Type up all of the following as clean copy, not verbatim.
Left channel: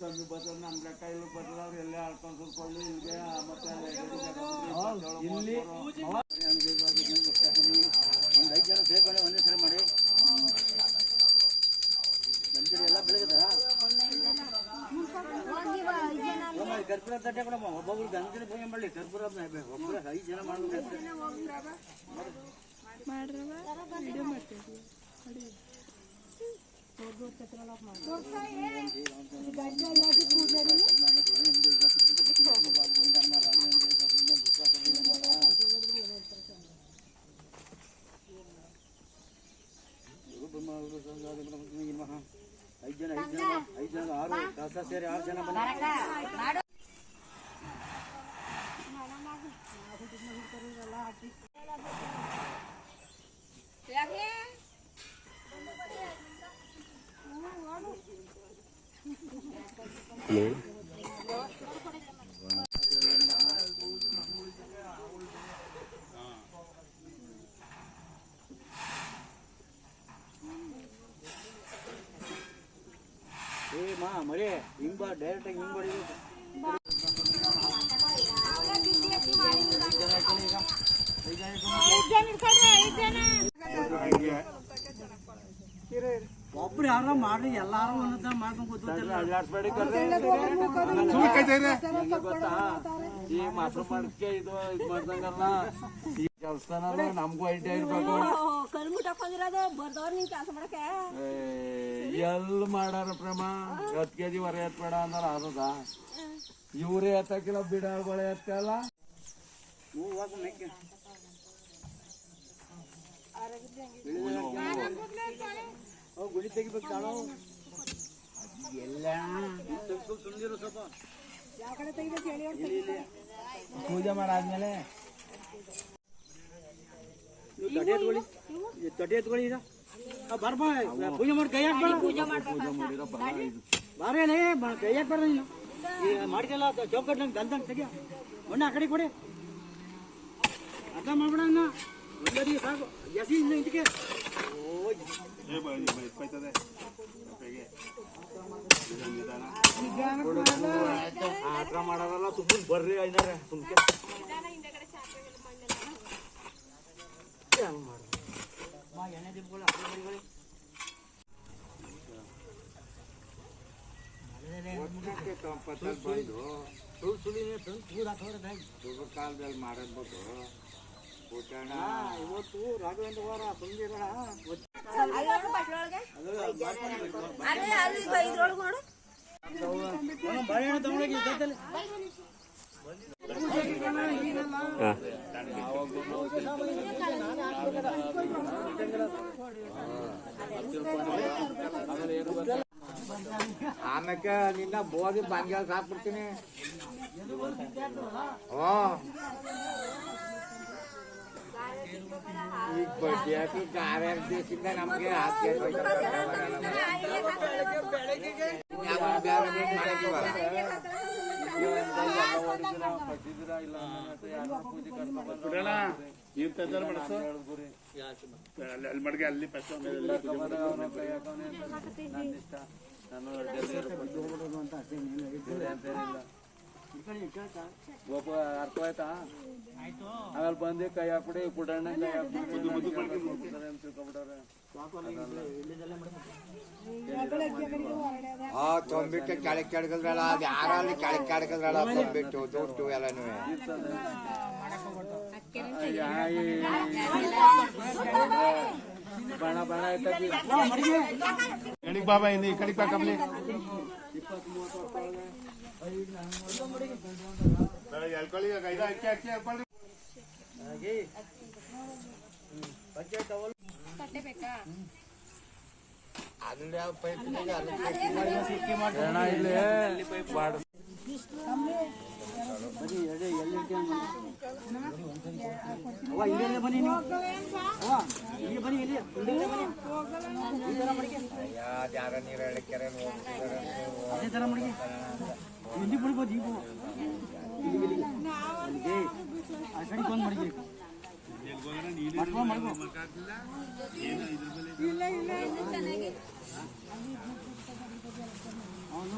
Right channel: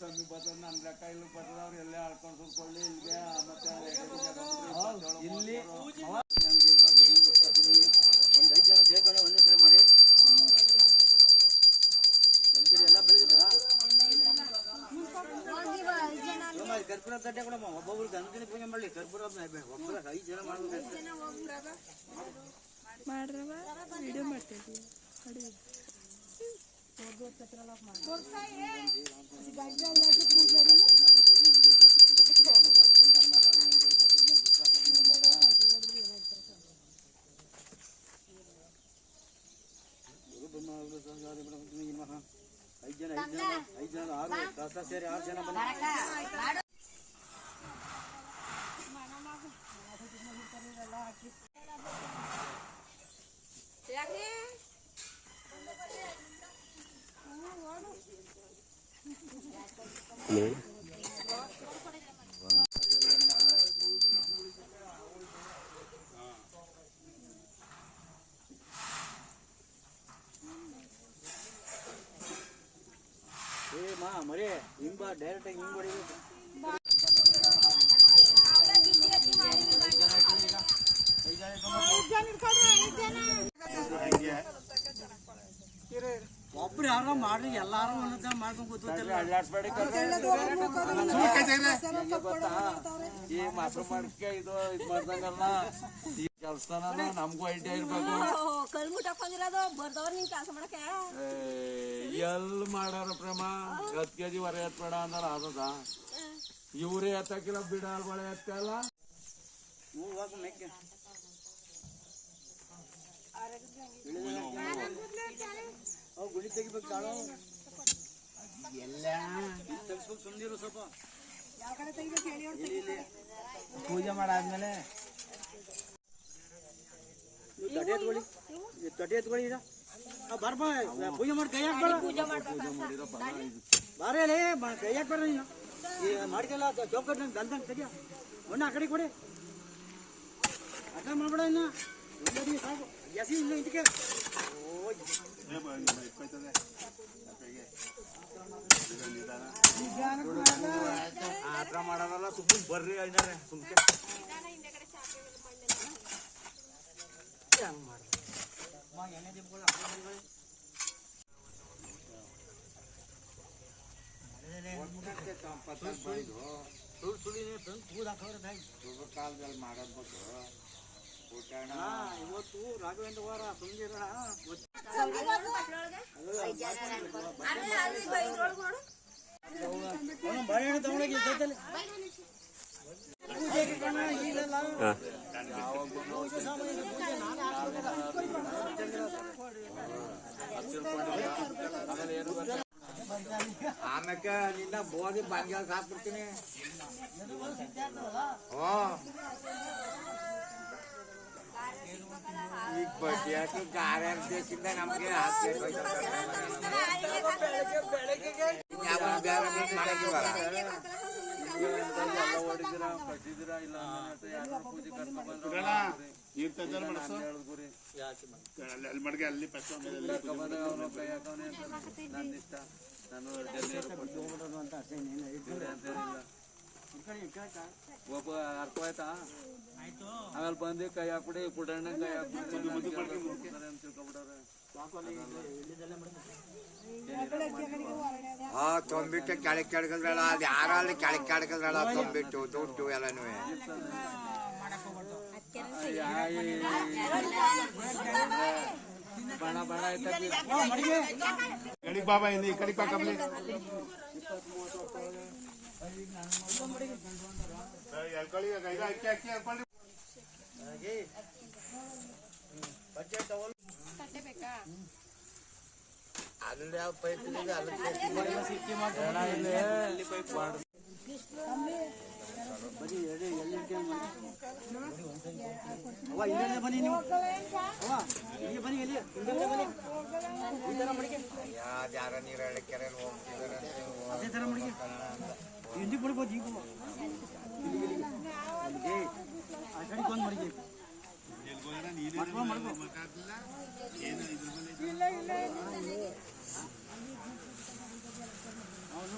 ಕಮ್ಮಿ ಬರ್ತದೆ ನನ್ನ ಲೆಕ್ಕ ಇಲ್ಲಿ ಬರ್ತದೆ ಅವ್ರು ಎಲ್ಲೇ ಆಳ್ಕೊಂಡು ಸುರ್ಕೊಳ್ಳಿ ಇಲ್ಲಿಗೆ ಮತ್ತೆ ಇಲ್ಲಿ ಒಂದು 5 ಜನ ಸೇರ್ಕೊಂಡು ಒಂದೇ ಸರಿ ಮಾಡಿ ಗಂಜಡಿ ಎಲ್ಲ ಬೆಳಗದ ಕರ್ಪೂರ ತಟ್ಟೆ ಕೊಡಮ್ಮ ಒಬ್ಬೊಬ್ರು ಗಂಜಡಿ ಪೂಜೆ ಮಾಡಲಿ ಕರ್ಪೂರ ಒಬ್ಬರ 5 ಜನ ಮಾಡ್ಬೇಕು ಐದು ಜನ 6 ಕಸ ಸೇರಿ 6 ಜನ ಬನ್ನಿ ಮರಿ ಹಿಂಬ ಡೈರೆಕ್ಟ್ ಆಗಿ ಹಿಂಗ್ ಹೊಡಿಬೇಕು ಒಬ್ರು ಯಾರ ಮಾಡ್ರಿ ಎಲ್ಲಾರು ಒಂದೊಂದ್ ಮಾಡ್ಕೊಂಡು ಈ ಮಾತ್ರ ಮಾಡಕ್ಕೆ ಇದು ಮಾಡ್ದಂಗಲ್ಲ ಈ ಕೆಲ್ಸನ ನಮ್ಗೂ ಐಡಿಯಾ ಇರ್ಬೇಕು ಎಲ್ಲಿ ಮಾಡಾರ ಪ್ರಮ 10 kg ಹೊರ ಎತ್ಬೇಡ ಅಂದಾರ ಆದದ ಇವ್ರೇ ಎತ್ತಕ್ಕಿಲ್ಲ ಬಿಡಾಳ್ಗಳು ಎತ್ತಲ್ಲ ಗುಳಿ ತೆಗಿಬೇಕು ಎಲ್ಲ ಸುಮ್ಮನಿರು ಸ್ವಲ್ಪ ಪೂಜೆ ಮಾಡಾದ್ಮೇಲೆ ತಡೆ ಎತ್ಕೊಳ್ಳಿ ಈಗ ಬರ್ಬ ಪೂಜೆ ಮಾಡಿ ಕೈ ಹಾಕ್ಬೇಡ ಪೂಜೆ ಮಾಡಿರ ಬಾರೇ ಕೈ ಹಾಕ್ಬೇಡ ನೀನು ಈಗ ಮಾಡ್ಕಲ್ಲ ಚೌಕಟ್ ನಂಗೆ ಗಲ್ದಂಗೆ ತೆಗಿಯ ಮಣ್ಣು ಆ ಕಡೆ ಕೊಡಿ ಅರ್ಥ ಮಾಡ್ಬೇಡ ಒಂದಡಿ ಸಾಕು ಎಸಿ ಇನ್ನು ಇದಕ್ಕೆ ಆಟ ಮಾಡೋದಲ್ಲ ಸುಮ್ಮನೆ ಬರ್ರಿ ಐನಾರೆ ಸುಮ್ಕೆ ಹಂಗೆ ಮಾಡಿ ಎಣ್ಣೆ ದಿಬ್ಬಗಳು ಕಾಲದಲ್ಲಿ ಮಾಡಬಹುದು ಇವತ್ತು ರಾಘವೇಂದ್ರ ವಾರ ಸುಂದಿರೋಣ ಆಮೇಲೆ ನಿನ್ನ ಬೋದಿ ಬಂಗಾಳ ಸಾಕ್ಬಿಡ್ತೀನಿ ಈ ಬಡ್ಡಿ ಹಾಕಿ ಗಾರ್ಯಾರ ದೇಶದಿಂದ ನಮ್ಗೆ ಮಡ್ಗೆ ಅಲ್ಲಿ ಅಂತ ಒಬ್ಬ ಅರ್ಥ ಆಯ್ತಾ ಆಮೇಲೆ ಬಂದು ಕೈ ಹಾಕ್ಬಿಡಿ ಪುಟಣ್ಣ ಕೈ ತೊಂಬಿಟ್ಟು ಕೆಳಗೆ ಕೆಳಗದ್ರಲ್ಲ ಅದು ಯಾರಲ್ಲಿ ಕೆಳಗೆ ಕೆಳಗದ್ರಲ್ಲ ತೊಂಬಿಟ್ಟು ದುಡ್ಡು ಎಲ್ಲನೂ ಬಣ ಬಣ ಆಯ್ತಿ ಕಡಿಗೆ ಬಾಬಾ ಈ ಕಡಿಗೆ ಬಾ ಕಮ್ಮಿ 20 ಅವ್ವ ಹಿಂದೆ ಬನ್ನಿ ನೀವು ಅವ್ವ ಇಲ್ಲಿ ಬನ್ನಿ ಇಲ್ಲಿ ಹಿಂದೆ ಬನ್ನಿ ಈ ತರ ಮಡಿಕೆ ಅದೇ ತರ ಮಡಿಕೆ ಇಲ್ಲಿ ಬಿಡ್ಬೋದು ಈಗ ಅಲ್ಲಿಗೆ ಆ ಕಡೆ ಬಂದು ಮಡಿಕೆ ಮಾಡ್ಕೊ ಮಾಡ್ಕೊ ಅವನು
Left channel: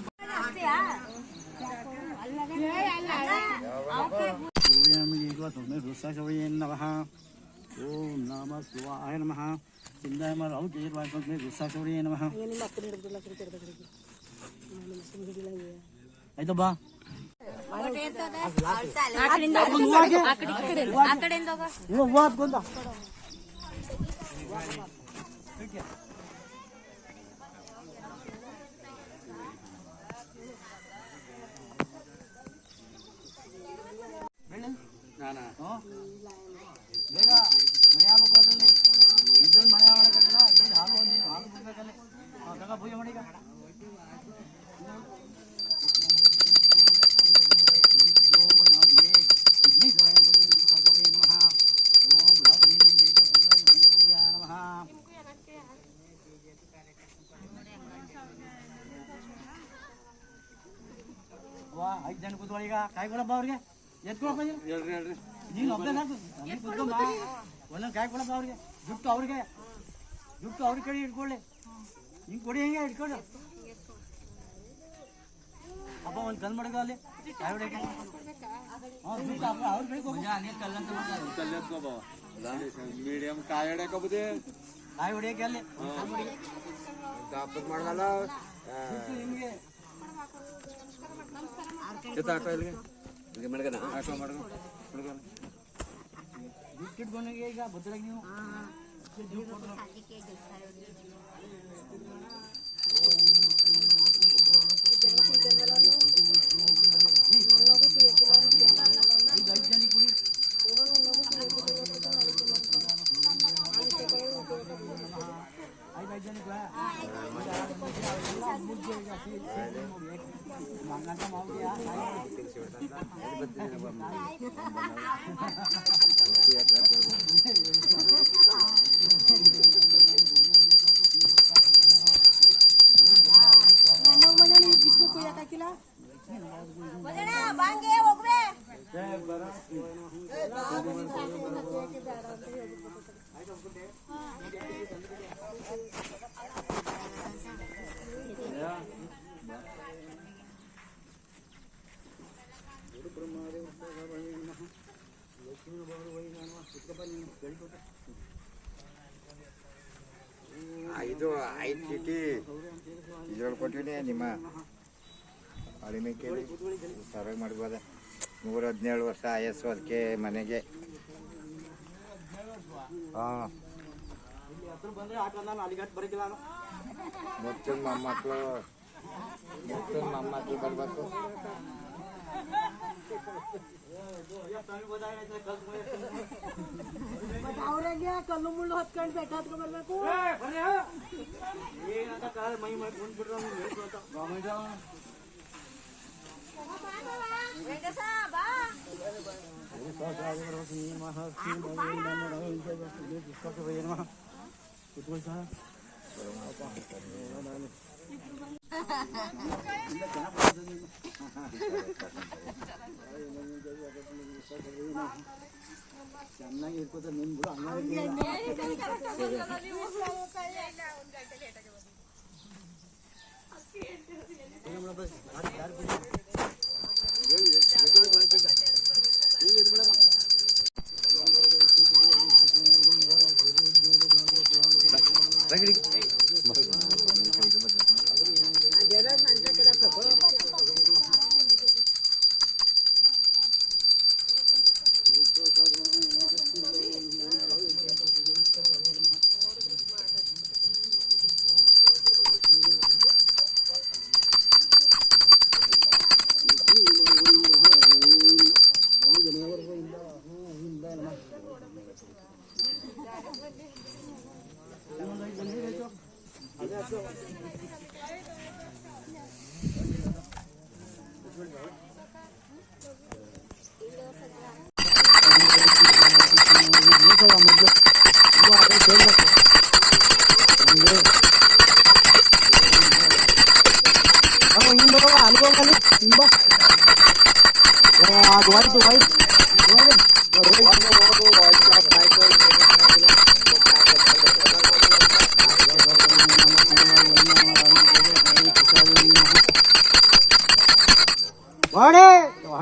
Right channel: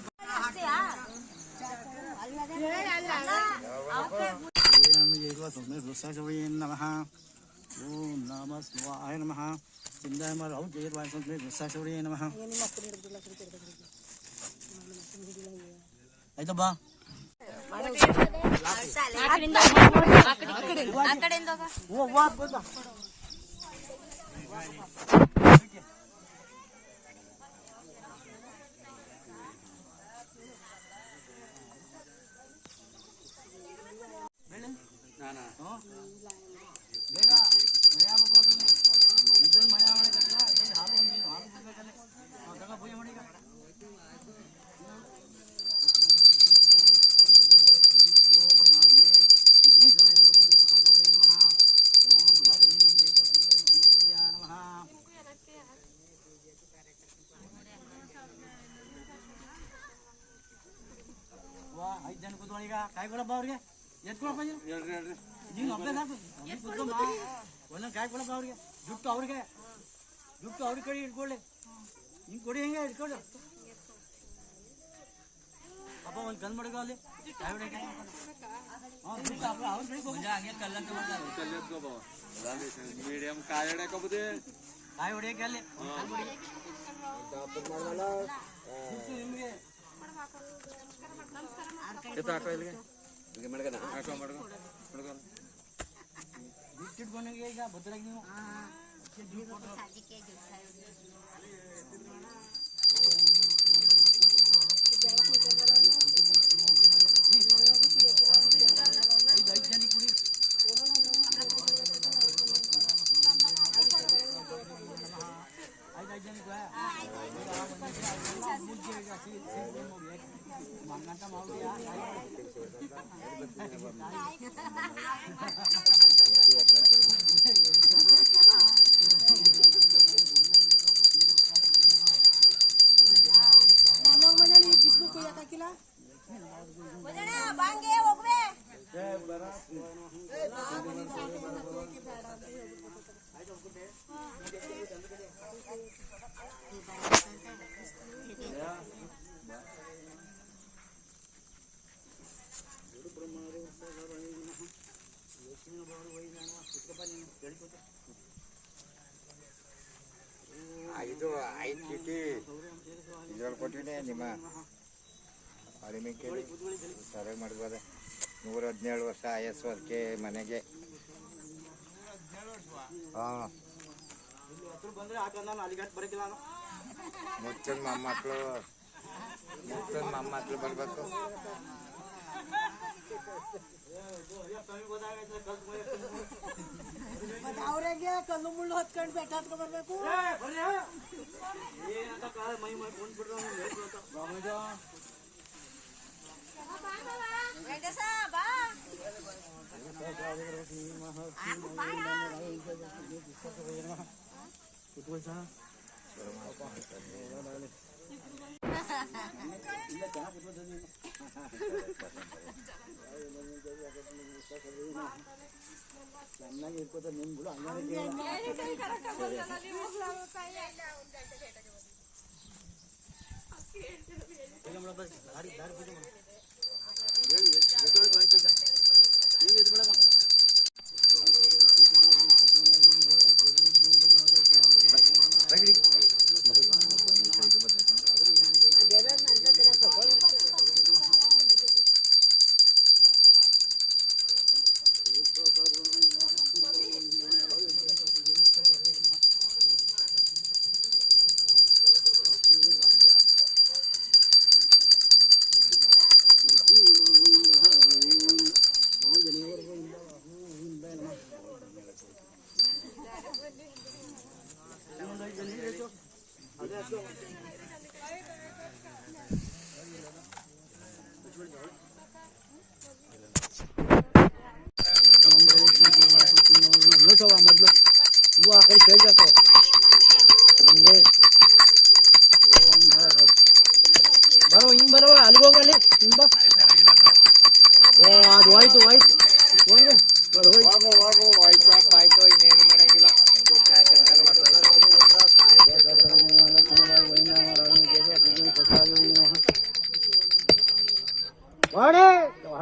ನಮಃ ಓಂ ನಮಃ ಶಿವಾಯ ನಮಃ ಚಿಂದಾಯ ರುಸಾಶೌರ್ಯ ನಮಃ ಆಯ್ತು ಬಾ ಬೇಗ ಮನೆ ಆಗ್ಬೇಕು ಅದ್ರಲ್ಲಿ ಇದ್ರಲ್ಲಿ ಮನೆ ಮಾಡಕ್ಕಾಗಿಲ್ಲ ಇದ್ರಲ್ಲಿ ಹಾಲು ಹಾಲು ಬಿಡ್ಬೇಕಲ್ಲಿ ತಗ ಪೂಜೆ ಮಾಡಿ ಈಗ ವಾ 5 ಜನ ಕೂತ್ಕೊಳ್ಳಿ ಈಗ ಕಾಯಿ ಕೊಡಪ್ಪ ಅವ್ರಿಗೆ ಎತ್ಕೊಳಪ್ಪ ಹೇಳ್ರಿ ನೀನು ಒಬ್ಬನೇ ಸಾಕು ಕುತ್ಕೊಂಬ ಒಂದೊಂದು ಕಾಯಿ ಕೊಡಪ್ಪ ಅವ್ರಿಗೆ ಜುಟ್ಟು ಅವ್ರಿಗೆ ಕಡೆ ಇಟ್ಕೊಳ್ಳಿ ಹಿಂಗೆ ಕೊಡಿ ಹೆಂಗೆ ಇಟ್ಕೊಂಡು ಅಪ್ಪ ಒಂದು ಕಲ್ ಮಡಗ ಅಲ್ಲಿ ಕಾಯಿ ಹೊಡೆಯಕ್ಕೆ ಜುಟ್ಟು ಅವ್ರ ಕಡೆ ಮೀಡಿಯಂ ಕಾಯಿ ಹೊಡ್ಯಾಕಬಹುದು ಕಾಯಿ ಹೊಡೆಯಕ್ಕೆ ಅಲ್ಲಿ ಮಾಡಲ್ಲ ಜುಟ್ಟು ನಿಮಗೆ ದುಡ್ಡಿಟ್ಕೊಂಡಾಗ ಈಗ ಬದ್ರಾಗಿ ನೀವು ಐದು ಜನ ಕುಡಿ ಐದು ಜನಕ್ಕೆ ಮಂಗಂತ ಮಾಡಿದ್ಯಾ ಐದು ಚೀಟಿ ಇದ್ರಲ್ಲಿ ಕೊಟ್ಟಿದೆ ನಿಮ್ಮ ಅಡಿಮೆಕ್ಕೆ ಸರ್ವೆ ಮಾಡ್ಬೋದ 117 ವರ್ಷ ಆಯಸ್ಸು ಅದಕ್ಕೆ ಮನೆಗೆ ಬಂದ್ರೆ ಆಟ ನಾನು ಅಲ್ಲಿಗಟ್ಟು ಬರಕಿಲ್ಲ ನಾನು ಮಕ್ಕಳು ಮೊಮ್ಮಕ್ಕಳು ಬರಬೇಕು ಅವ್ರಿಗೆ ಕಲ್ಲು ಮುಳ್ಳು ಹೊತ್ಕೊಂಡು ಬೆಟ್ಟ ಹತ್ಕೊಂಡ್ ಬರ್ಬೇಕು ಏನಂತ ಕಾಲ ಮೈ ಕುಂದ್ಬಿಟ್ರು ಕುತ್ಕೊಳ್ಳಿ ಸರ್ ಚೆನ್ನಾಗಿ ಇರ್ಕೋತ ನಿಮ್ದು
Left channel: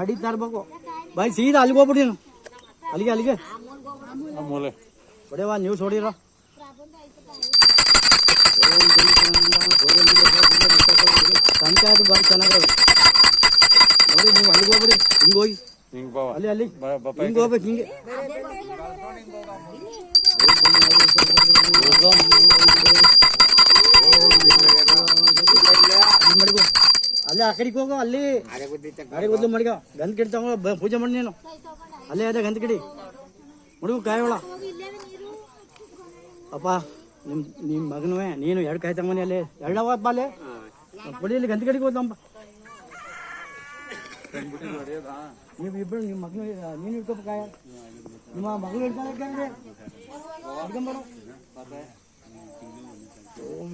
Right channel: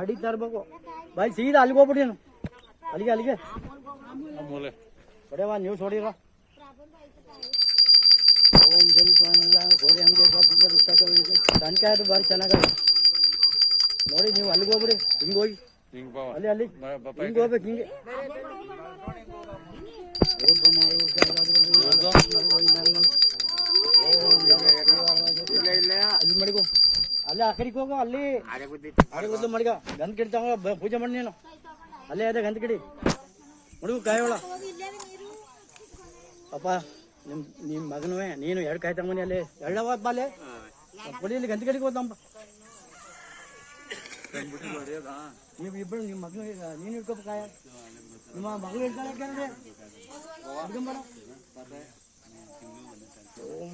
ಹೊಡಿತಾ ಇರ್ಬೇಕು ಬಾಯ್ ಸೀದಾ ಅಲ್ಲಿಗೆ ಹೋಗ್ಬಿಡಿ ನೀನು ಅಲ್ಲಿಗೆ ಹೊಡೆಯವ ನೀವು ಹೊಡಿರೋ ಪಂಚಾಯತ್ ಬಾರಿ ಚೆನ್ನಾಗವ ನೋಡಿ ನೀವು ಅಲ್ಲಿಗೆ ಹೋಗ್ಬಿಡಿ ಹಿಂಗೆ ಹೋಗಿ ಅಲ್ಲಿ ಹಿಂಗೆ ಹೋಗ್ಬೇಕು ಹಿಂಗೆ ಮಡಿಗೋ ಅಲ್ಲೇ ಆ ಕಡೆಗೆ ಹೋಗೋ ಅಲ್ಲಿ ಅರೆ ಬದಲು ಮಡಿಗ ಗಂಧ ಕಿಡಿ ತಗೊಂಡು ಪೂಜೆ ಮಾಡಿ ನೀನು ಅಲ್ಲೇ ಅದೇ ಗಂಧ ಕಿಡಿ ಮಡಿಗು ಕಾಯೋಳ ಅಪ್ಪ ನಿಮ್ಮ ಮಗನೂ ನೀನು ಎರಡು ಕಾಯಿ ತಗೊಂಡು ಅಲ್ಲಿ ಎರಡವ ಬಾಲೆ ಬಡಿ ಇಲ್ಲಿ ಗಂಧ ಕಡೆಗೆ ಹೋದಮ್ಮ ನೀವು ಇಬ್ಬರು ನಿಮ್ಮ ಮಗನು ನೀನು ಇಟ್ಕೋಬೇಕು ಕಾಯ ನಿಮ್ಮ ಮಗಳು ಇಡ್ತಾಳೆ ಹಿಡ್ಕೊಂಬರು ಓಂ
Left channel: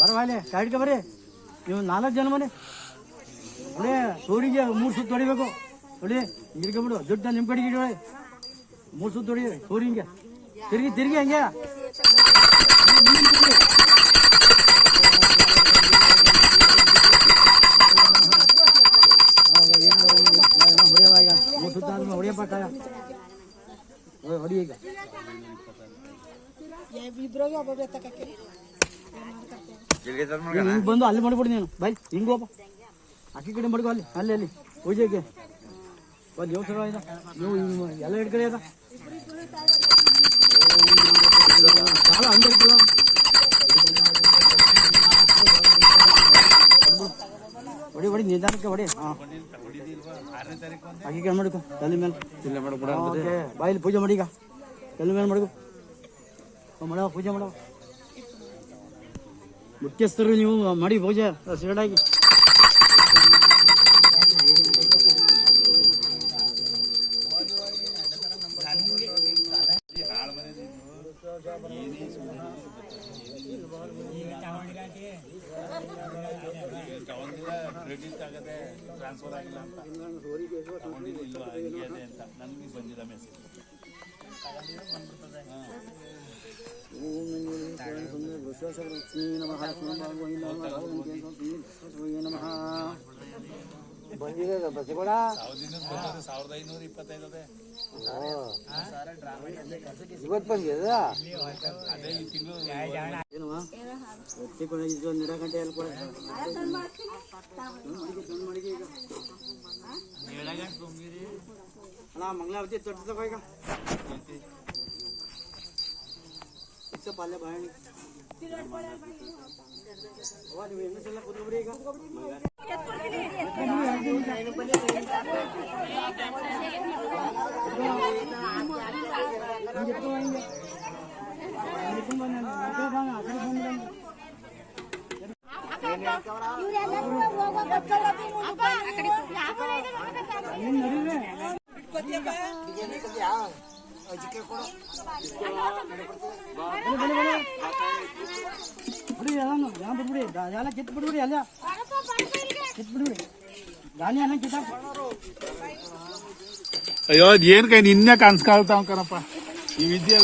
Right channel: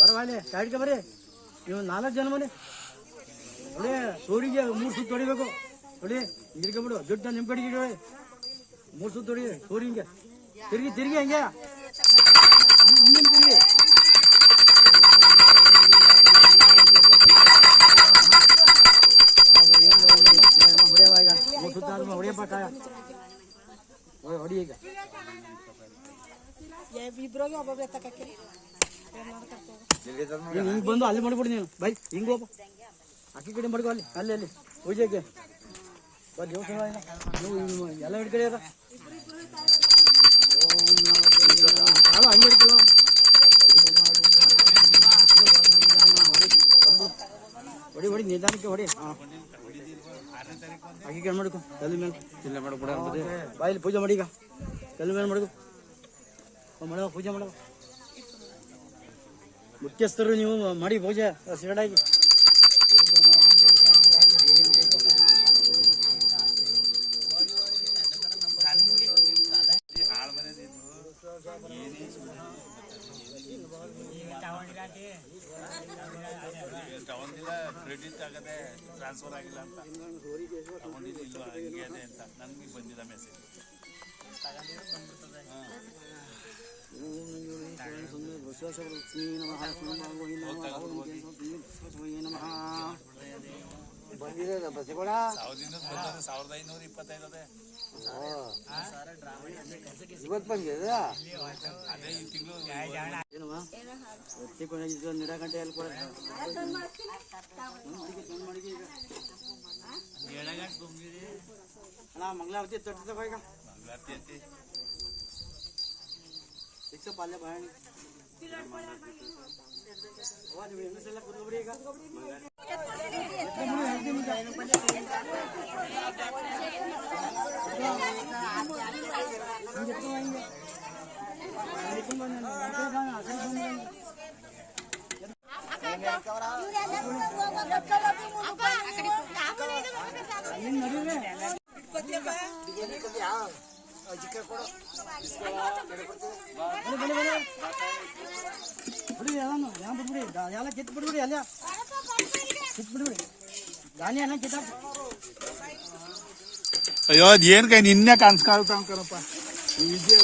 ಬರವಾಲೆ ಕಾಯ್ಕ ಬರ್ರಿ ನೀವು 4 ಜನ ಮನೆ ಒಳ್ಳೆ ಸೂರಿಗೆ 3 ಸುತ್ತು ಹೊಡಿಬೇಕು ಹೊಡಿ ಬಿಡು ದುಡ್ಡ ನಿಮ್ಮ ಕಡೆಗೆ ಇಡಿ 3 ಸುತ್ತು ಹೊಡಿ ಸೂರಿಂಗೆ ತಿರುಗಿ ಹಂಗೆ ಹೊಡೆಯವಾಗ 3 ಸುತ್ತ ಆದ್ಮೇಲೆ ಹೊಡಿಯಪ್ಪ ಕಾಯ ಹೊಡಿ ಈಗ ಹಿಂಗೆ ಬಂದು ಅಲ್ಲಿ ಮಾಡ್ಬಿಡಿ ನೀನು ಬೈ ಹಿಂಗೆ ಹೋಗಪ್ಪ ಅಕ್ಕಿ ಕಡೆ ಮಾಡ್ಕೊ ಅಲ್ಲಿ ಪೂಜೆಗೆ ದೇವಸ್ಥಾನ ನೀವು ಎಲ್ಲ ಹಿಡ್ಕಡೆ ಇರ ಸಾಲ ಹಂಗೆ ಇರ್ತಲ್ಲ ಹೊಡಿ ನಿಧಾನಕ್ಕೆ ಹೊಡಿ ಹಾಂ ಅಕ್ಕಿ ಕಡೆ ಮಾಡ್ಕೊ ತಲೆ ಮೇಲೆ ಬಾಯಲ್ಲಿ ಪೂಜೆ ಮಾಡಿ ಈಗ ತಲೆ ಮೇಲೆ ಮಾಡ್ಕೊ ಮಾಡವ ಪೂಜೆ ಮಾಡವ ಮುಖ್ಯಸ್ಥರು ನೀವು ಮಾಡಿ ಪೂಜೆ ಸಿಗಡಾಗಿ ಬಂದಿದೆ ಬಸ್ಸುಗಳ 1525 ಇವತ್ತು ಬಂದಿದೆ ಏನವಾ ನಿಡ ಗಂಟೆ ಎಲ್ಲಿ ಕೊಡ ಅಲ್ಲ ಮಂಗಳಾರತಿ ತರ್ತದ ಈಗ ಪಾಲ್ಯ ಬಾಯ ನೀವು ಹೆಂಗಸೆಲ್ಲ ಕೂತ್ಕೊಬ್ರಿ ಈಗ ಬಿಡ್ಬಿಡಿ ಎಲ್ಲ ಕಿತ್ತು ಬಿಡ್ಬಿಡಿ ಅಲ್ಲ ಕಿತ್ತು ಬಿಡ್ಬಿಡಿ ಗಾಳಿ ಅನ್ನ ಕಿತ್ತ ಅಯ್ಯೋ ಏನ್ ಕೈ ನಿನ್ನೆ ಕಾಣಿಸ್ಕೊಳ್ತಾವ ಕಣಪ್ಪ ಈ ವಿದ್ಯೆ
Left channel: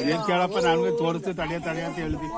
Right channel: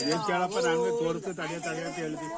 ಅದೇನ್ ಕೇಳಪ್ಪ ನಾನು ತೋರಿಸ್ತು ತಡೆ ಅಂತ ಹೇಳಿದ್ವಿ